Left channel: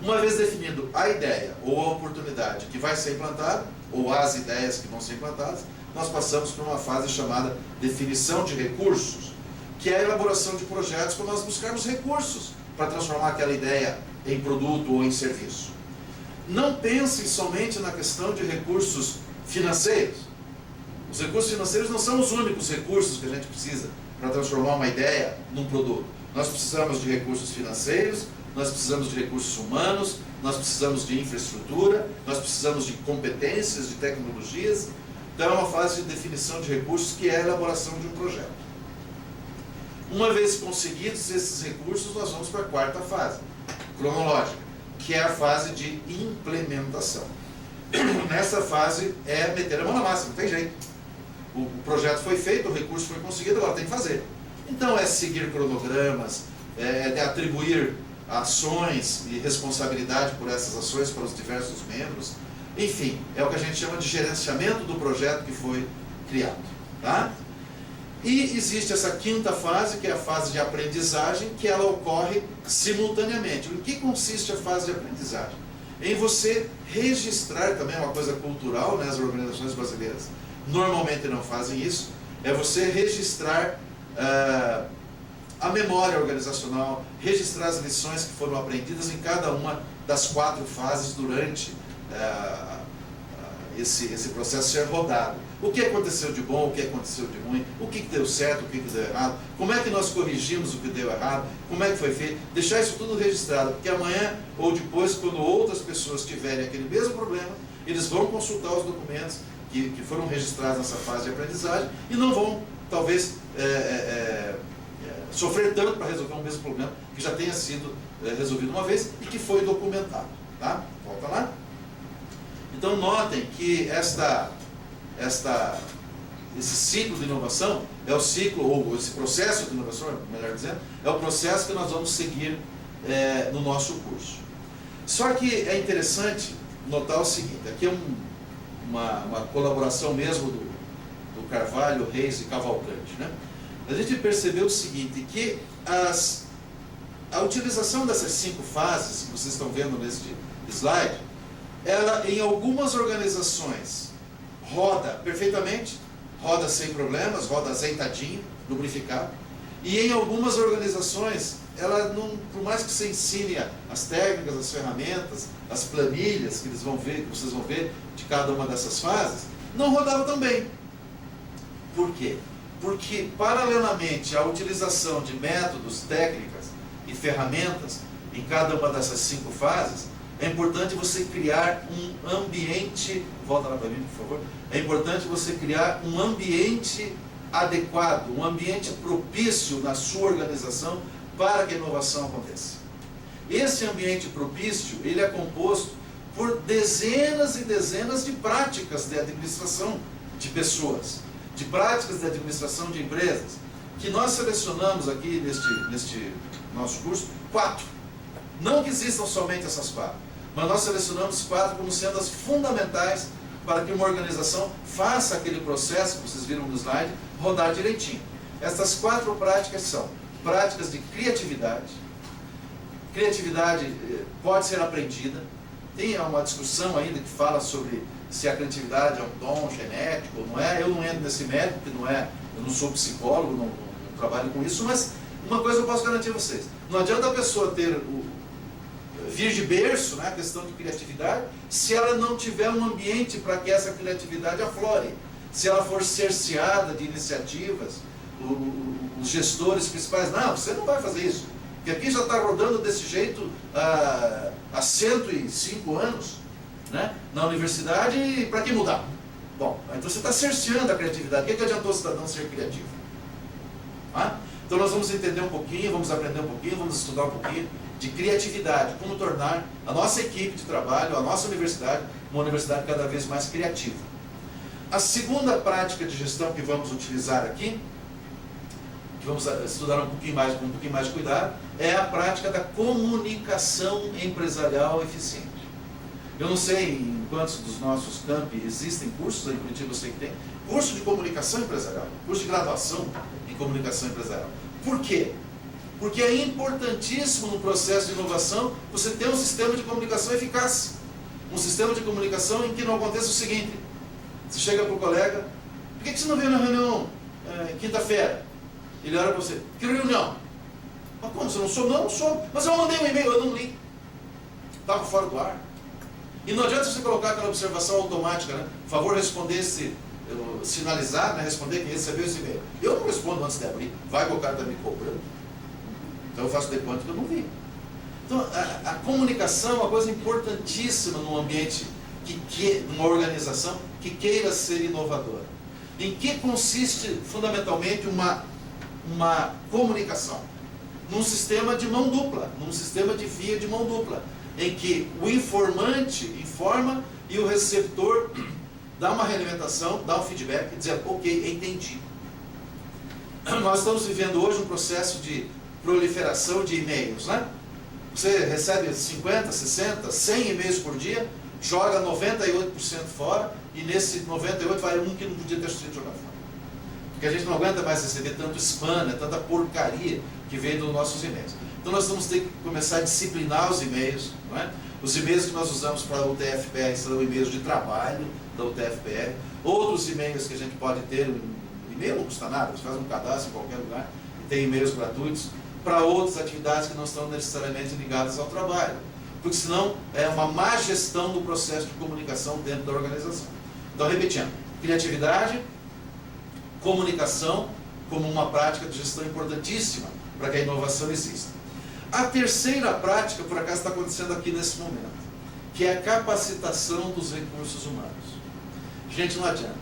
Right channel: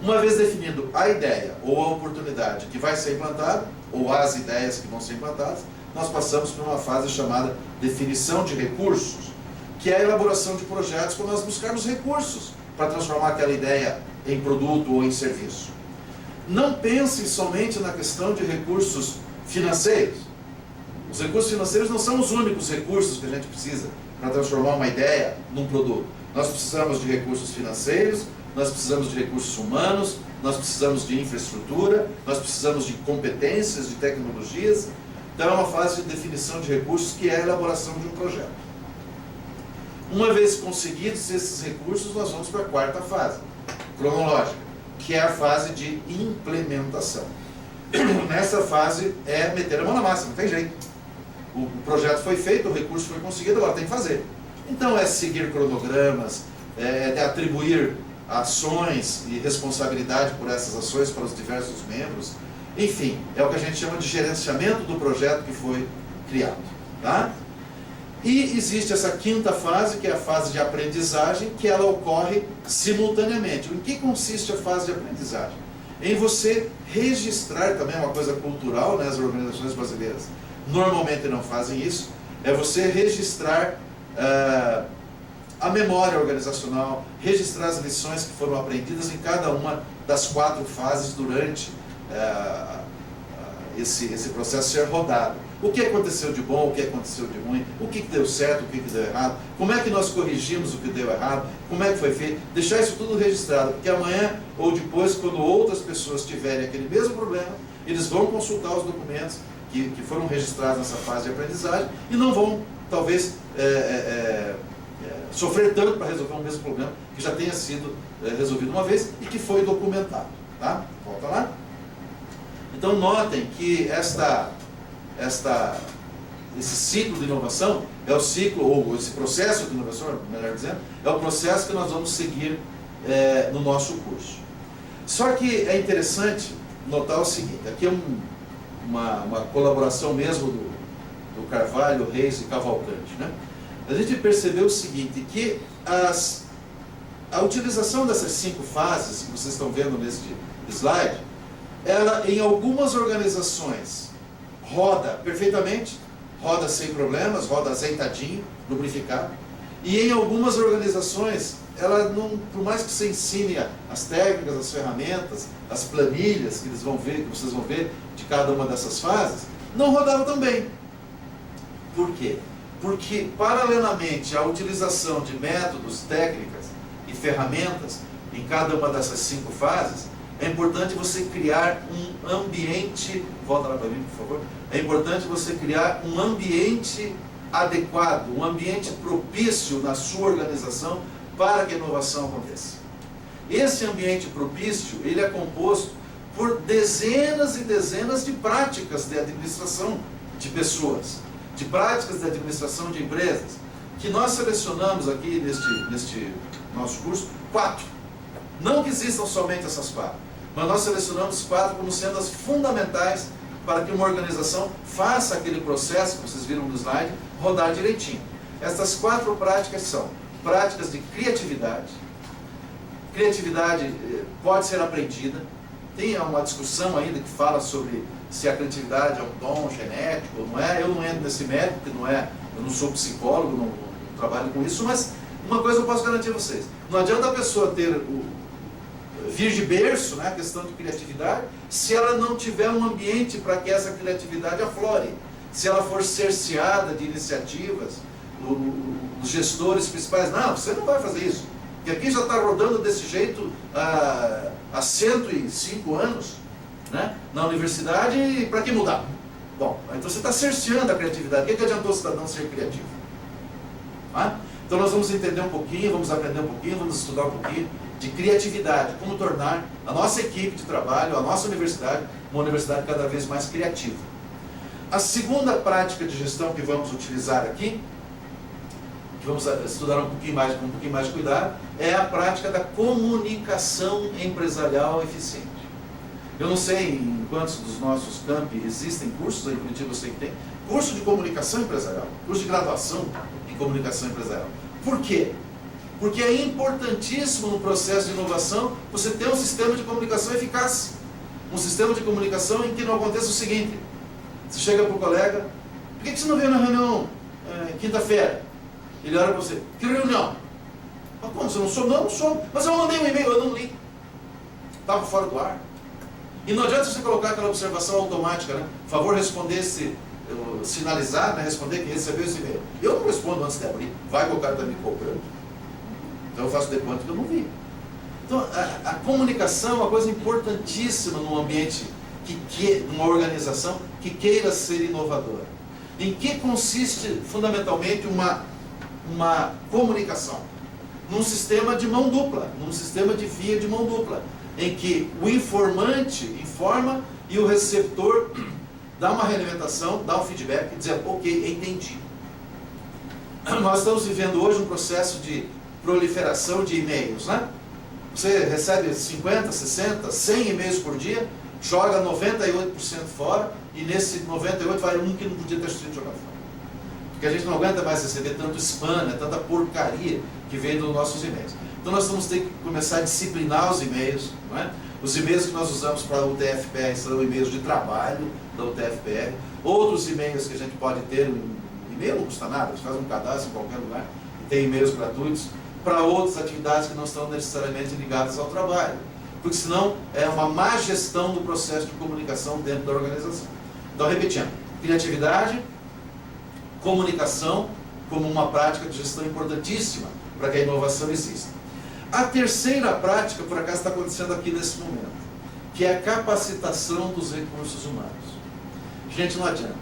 Uma vez definido a ideia ou a oportunidade que vai ser implantada, ou as ideias que vão ser implantadas, nós passamos por uma fase chamada definição de recursos, que é a elaboração de projetos para nós buscarmos recursos para transformar aquela ideia em produto ou em serviço. Não pensem somente na questão de recursos financeiros. Os recursos financeiros não são os únicos recursos que a gente precisa para transformar uma ideia num produto. Nós precisamos de recursos financeiros, nós precisamos de recursos humanos, nós precisamos de infraestrutura, nós precisamos de competências, de tecnologias. Então é uma fase de definição de recursos que é a elaboração de um projeto. Uma vez conseguidos esses recursos, nós vamos para a quarta fase, cronológica, que é a fase de implementação. Nessa fase é meter a mão na massa, não tem jeito. O projeto foi feito, o recurso foi conseguido, agora tem que fazer. Então é seguir cronogramas, é atribuir ações e responsabilidade por essas ações para os diversos membros. Enfim, é o que a gente chama de gerenciamento do projeto que foi criado. Tá? E existe essa quinta fase, que é a fase de aprendizagem, que ela ocorre simultaneamente. Em que consiste a fase de aprendizagem? Em você registrar, também é uma coisa cultural, né? As organizações brasileiras normalmente não fazem isso, é você registrar a memória organizacional, registrar as lições que foram aprendidas em cada uma das 4 fases durante esse processo ser rodado. O que aconteceu de bom, o que aconteceu de ruim, o que deu certo, o que deu errado, como é que nós corrigimos o que deu errado, como é que foi feito, deixar isso tudo registrado, porque amanhã ou depois, quando outras pessoas tiverem aquele mesmo problema, eles vão consultar os documentos que foram registrados nessa fase de aprendizagem e não vão, talvez, sofrer tanto para resolver o mesmo problema que já tenha sido resolvido uma vez e que foi documentado. Tá? Volta lá. Então notem que esse ciclo de inovação é o ciclo, ou esse processo de inovação, melhor dizendo, é o processo que nós vamos seguir no nosso curso. Só que é interessante notar o seguinte, aqui é uma colaboração mesmo do Carvalho, Reis e Cavalcante, né? A gente percebeu o seguinte, que a utilização dessas 5 fases que vocês estão vendo neste slide, ela em algumas organizações roda perfeitamente, roda sem problemas, roda azeitadinho, lubrificado, e em algumas organizações, ela não, por mais que você ensine as técnicas, as ferramentas, as planilhas que vocês vão ver de cada uma dessas fases, não rodava tão bem. Por quê? Porque, paralelamente à utilização de métodos, técnicas e ferramentas em cada uma dessas 5 fases, é importante você criar um ambiente, volta lá para mim, por favor, é importante você criar um ambiente adequado, um ambiente propício na sua organização para que a inovação aconteça. Esse ambiente propício, ele é composto por dezenas e dezenas de práticas de administração de pessoas, de práticas de administração de empresas, que nós selecionamos aqui neste nosso curso 4. Não que existam somente essas 4, mas nós selecionamos 4 como sendo as fundamentais para que uma organização faça aquele processo que vocês viram no slide rodar direitinho. Essas 4 práticas são práticas de criatividade. Criatividade pode ser aprendida. Tem uma discussão ainda que fala sobre se a criatividade é um dom genético ou não é. Eu não entro nesse mérito, porque eu não sou psicólogo, não trabalho com isso, mas uma coisa eu posso garantir a vocês. Não adianta a pessoa vir de berço, né, a questão de criatividade, se ela não tiver um ambiente para que essa criatividade aflore. Se ela for cerceada de iniciativas, os gestores principais, não, você não vai fazer isso, porque aqui já está rodando desse jeito há 105 anos, né, na universidade, para que mudar? Bom, então você está cerceando a criatividade. O que adiantou o cidadão ser criativo? Ah? Então nós vamos entender um pouquinho, vamos aprender um pouquinho, vamos estudar um pouquinho de criatividade, como tornar a nossa equipe de trabalho, a nossa universidade, uma universidade cada vez mais criativa. A segunda prática de gestão que vamos utilizar aqui, que vamos estudar com um pouquinho mais de cuidado, é a prática da comunicação empresarial eficiente. Eu não sei em quantos dos nossos campi existem cursos, em Curitiba eu sei que tem, curso de comunicação empresarial, curso de graduação em comunicação empresarial. Por quê? Porque é importantíssimo no processo de inovação você ter um sistema de comunicação eficaz. Um sistema de comunicação em que não aconteça o seguinte: você chega para o colega, por que você não veio na reunião quinta-feira? Ele olha para você, que reunião? Mas como, você não soube? Não, não soube. Mas eu mandei um e-mail, eu não li. Estava fora do ar. E não adianta você colocar aquela observação automática, né? Por favor, responder sinalizar, né? Responder que recebeu esse e-mail. Eu não respondo antes de abrir. Vai que o cara está me cobrando. Então eu faço de conta que eu não vi. Então a comunicação é uma coisa importantíssima num ambiente, numa organização que queira ser inovadora. Em que consiste fundamentalmente uma comunicação? Num sistema de mão dupla, num sistema de via de mão dupla, em que o informante informa e o receptor dá uma realimentação, dá um feedback, dizendo, ok, entendi. Nós estamos vivendo hoje um processo de proliferação de e-mails, né? Você recebe 50, 60, 100 e-mails por dia, joga 98% fora, e nesse 98 vai um que não podia ter sido jogado fora. Porque a gente não aguenta mais receber tanto spam, né? Tanta porcaria que vem dos nossos e-mails. Então nós vamos ter que começar a disciplinar os e-mails, não é? Os e-mails que nós usamos para o UTFPR são e-mails de trabalho da UTFPR. Outros e-mails que a gente pode ter, o e-mail não custa nada, você faz um cadastro em qualquer lugar e tem e-mails gratuitos para outras atividades que não estão necessariamente ligadas ao trabalho. Porque senão é uma má gestão do processo de comunicação dentro da organização. Então, repetindo, criatividade, comunicação como uma prática de gestão importantíssima para que a inovação exista. A terceira prática, por acaso, está acontecendo aqui nesse momento, que é a capacitação dos recursos humanos. Gente, não adianta.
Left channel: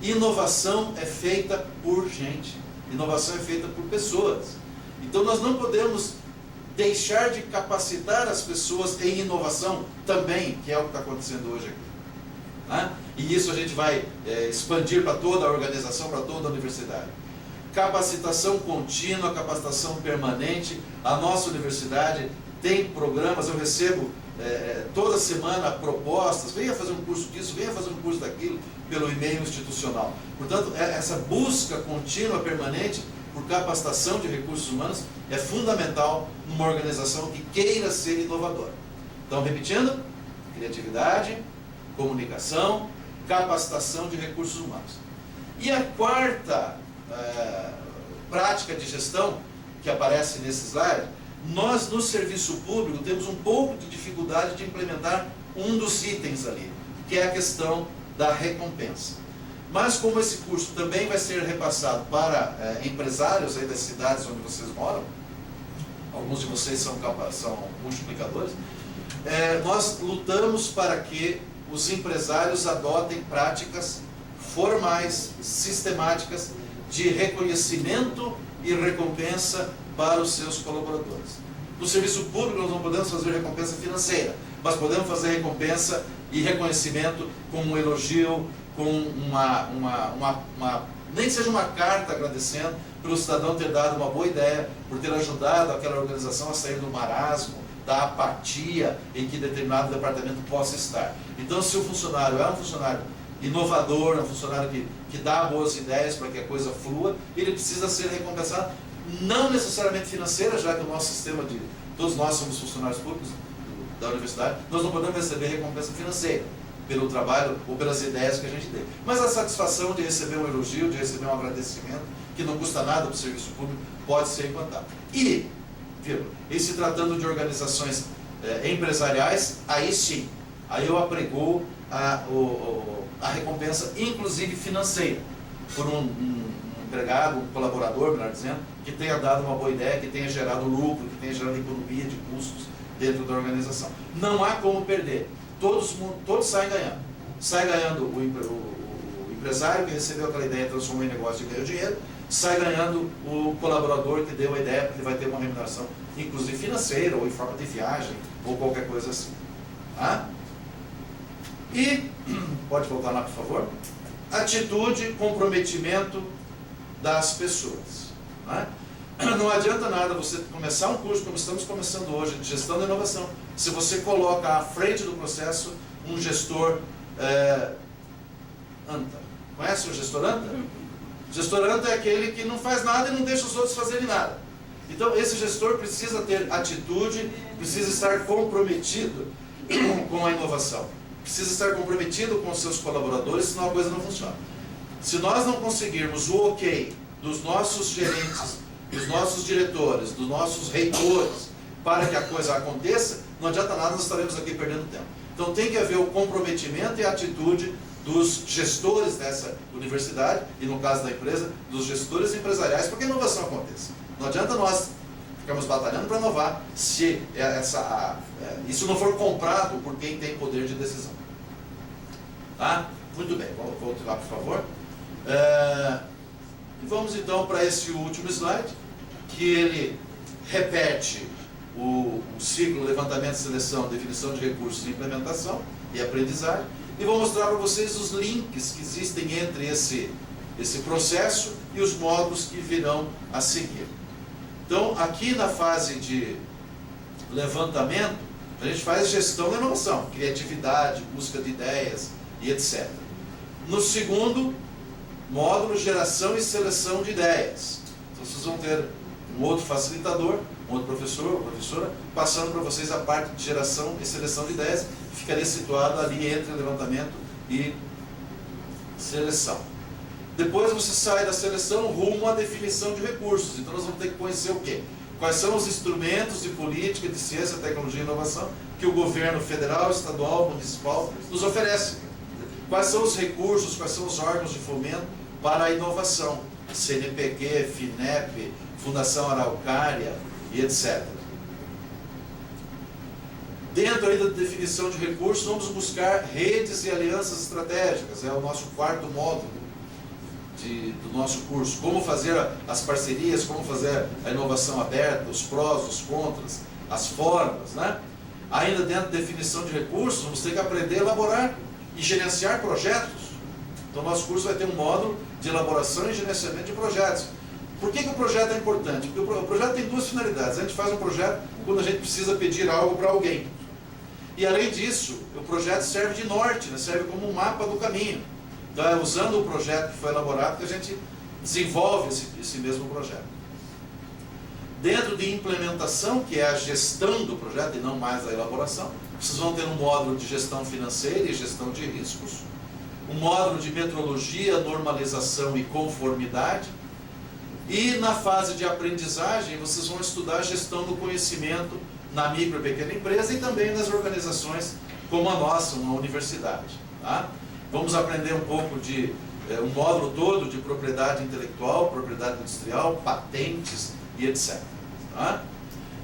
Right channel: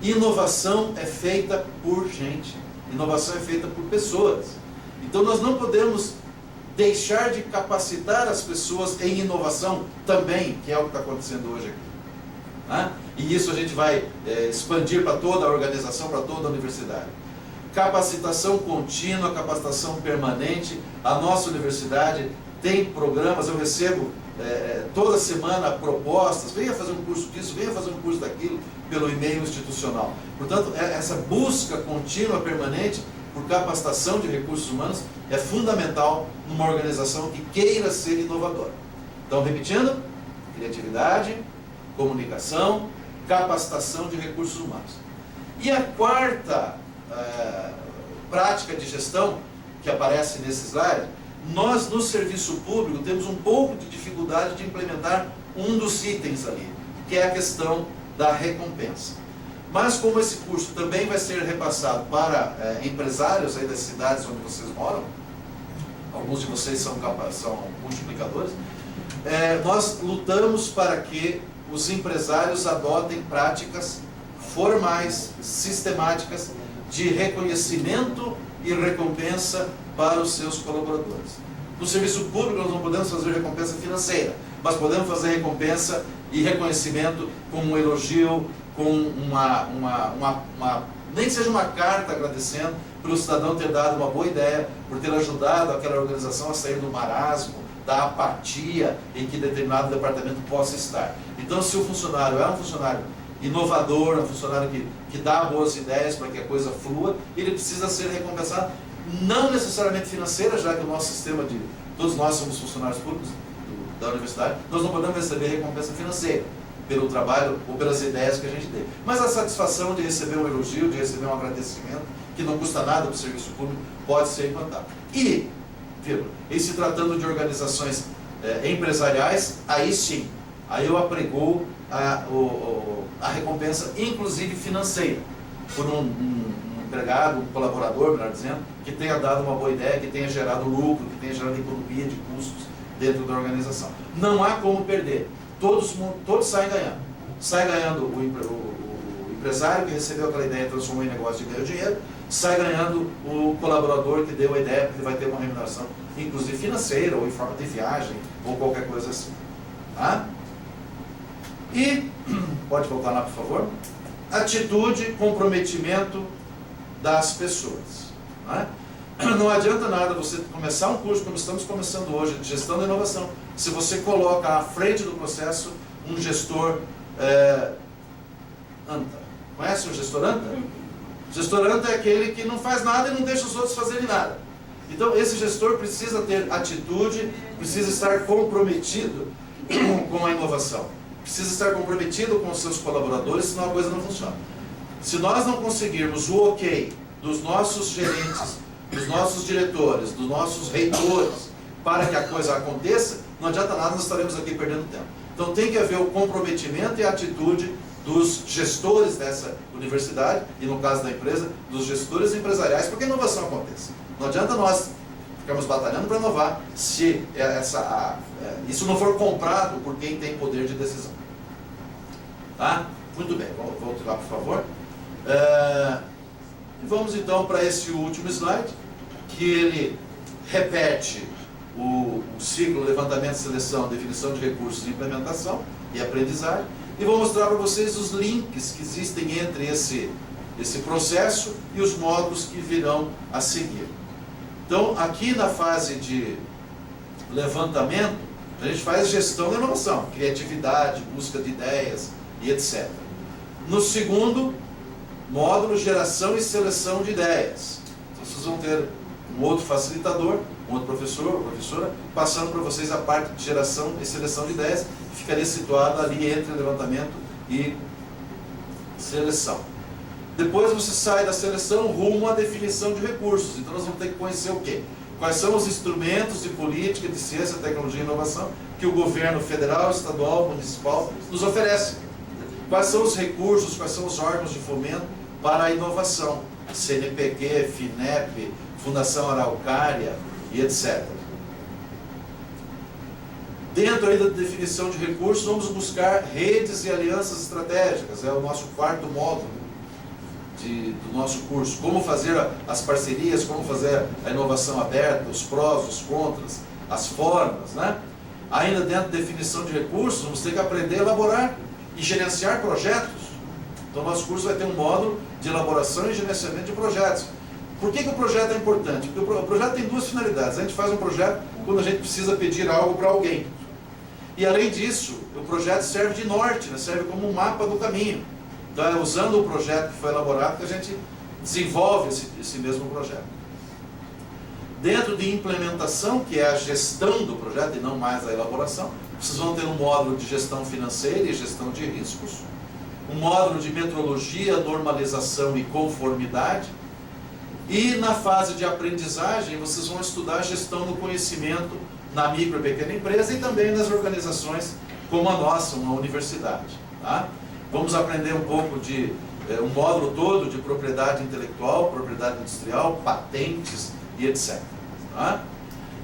Inovação é feita por gente. Inovação é feita por pessoas. Então nós não podemos deixar de capacitar as pessoas em inovação também, que é o que está acontecendo hoje aqui. Né? E isso a gente vai expandir para toda a organização, para toda a universidade. Capacitação contínua, capacitação permanente. A nossa universidade tem programas, eu recebo toda semana propostas, venha fazer um curso disso, venha fazer um curso daquilo, pelo e-mail institucional. Portanto, essa busca contínua, permanente, por capacitação de recursos humanos, é fundamental numa organização que queira ser inovadora. Então, repetindo, criatividade, comunicação, capacitação de recursos humanos. E a quarta prática de gestão que aparece nesse slide, nós no serviço público temos um pouco de dificuldade de implementar um dos itens ali, que é a questão da recompensa. Mas como esse curso também vai ser repassado para empresários aí das cidades onde vocês moram, alguns de vocês são multiplicadores, nós lutamos para que os empresários adotem práticas formais, sistemáticas, de reconhecimento e recompensa para os seus colaboradores. No serviço público nós não podemos fazer recompensa financeira, mas podemos fazer recompensa e reconhecimento com um elogio, com nem que seja uma carta agradecendo pelo cidadão ter dado uma boa ideia, por ter ajudado aquela organização a sair do marasmo, da apatia em que determinado departamento possa estar. Então, se o funcionário é um funcionário inovador, um funcionário que dá boas ideias para que a coisa flua, ele precisa ser recompensado, não necessariamente financeira, já que o nosso sistema todos nós somos funcionários públicos da universidade, nós não podemos receber recompensa financeira pelo trabalho ou pelas ideias que a gente dê. Mas a satisfação de receber um elogio, de receber um agradecimento, que não custa nada para o serviço público, pode ser implantado. E se tratando de organizações empresariais, aí sim, aí eu apregoo a recompensa, inclusive financeira, por um empregado, um colaborador, melhor dizendo, que tenha dado uma boa ideia, que tenha gerado lucro, que tenha gerado economia de custos dentro da organização. Não há como perder. Todos saem ganhando. Sai ganhando o empresário que recebeu aquela ideia e transformou em negócio e ganhou dinheiro. Sai ganhando o colaborador que deu a ideia, porque ele vai ter uma remuneração, inclusive financeira, ou em forma de viagem, ou qualquer coisa assim. Tá? E, pode voltar lá, por favor. Atitude, comprometimento das pessoas. Né? Não adianta nada você começar um curso, como estamos começando hoje, de gestão da inovação, se você coloca à frente do processo um gestor anta. Conhece o gestor anta? O gestor anta é aquele que não faz nada e não deixa os outros fazerem nada. Então, esse gestor precisa ter atitude, precisa estar comprometido com a inovação, precisa estar comprometido com os seus colaboradores, senão a coisa não funciona. Se nós não conseguirmos o ok dos nossos gerentes, dos nossos diretores, dos nossos reitores, para que a coisa aconteça, não adianta nada, nós estaremos aqui perdendo tempo. Então tem que haver o comprometimento e a atitude dos gestores dessa universidade, e no caso da empresa, dos gestores empresariais, para que a inovação aconteça. Não adianta nós ficarmos batalhando para inovar se isso não for comprado por quem tem poder de decisão. Tá? Muito bem, volte lá por favor. E vamos então para esse último slide, que ele repete o ciclo levantamento, seleção, definição de recursos, implementação e aprendizagem, e vou mostrar para vocês os links que existem entre esse processo e os módulos que virão a seguir. Então, aqui na fase de levantamento, a gente faz gestão da inovação, criatividade, busca de ideias e etc. No segundo módulo, geração e seleção de ideias. Então, vocês vão ter um outro facilitador, um outro professor ou professora, passando para vocês a parte de geração e seleção de ideias, que ficaria situada ali entre levantamento e seleção. Depois você sai da seleção rumo à definição de recursos. Então nós vamos ter que conhecer o quê? Quais são os instrumentos de política, de ciência, tecnologia e inovação que o governo federal, estadual, municipal nos oferece. Quais são os recursos, quais são os órgãos de fomento para a inovação. CNPq, FINEP, Fundação Araucária e etc. Dentro aí da definição de recursos, vamos buscar redes e alianças estratégicas. É o nosso quarto módulo do nosso curso. Como fazer as parcerias, como fazer a inovação aberta, os prós, os contras, as formas, né? Ainda dentro da definição de recursos, vamos ter que aprender a elaborar e gerenciar projetos. Então, nosso curso vai ter um módulo de elaboração e gerenciamento de projetos. Por que o projeto é importante? Porque o projeto tem duas finalidades. A gente faz um projeto quando a gente precisa pedir algo para alguém. E, além disso, o projeto serve de norte, né? Serve como um mapa do caminho. Então, é usando o projeto que foi elaborado que a gente desenvolve esse mesmo projeto. Dentro de implementação, que é a gestão do projeto e não mais a elaboração, vocês vão ter um módulo de gestão financeira e gestão de riscos, um módulo de metrologia, normalização e conformidade, e na fase de aprendizagem vocês vão estudar a gestão do conhecimento na micro e pequena empresa e também nas organizações como a nossa, uma universidade. Tá? Vamos aprender um pouco de um módulo todo de propriedade intelectual, propriedade industrial, patentes e etc. Tá?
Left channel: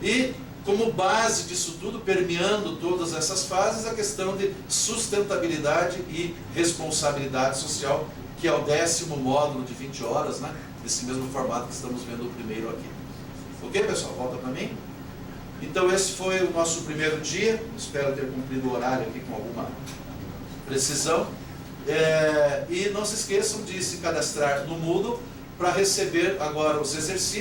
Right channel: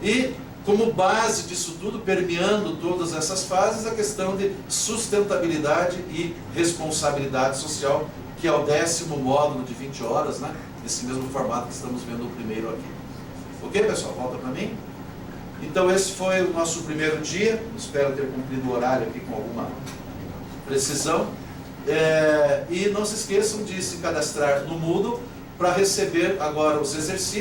E como base disso tudo, permeando todas essas fases, a questão de sustentabilidade e responsabilidade social, que é o 10º módulo de 20 horas, né? Nesse mesmo formato que estamos vendo o primeiro aqui. Ok, pessoal? Volta para mim. Então, esse foi o nosso primeiro dia. Espero ter cumprido o horário aqui com alguma precisão. E não se esqueçam de se cadastrar no Moodle para receber agora os exercícios.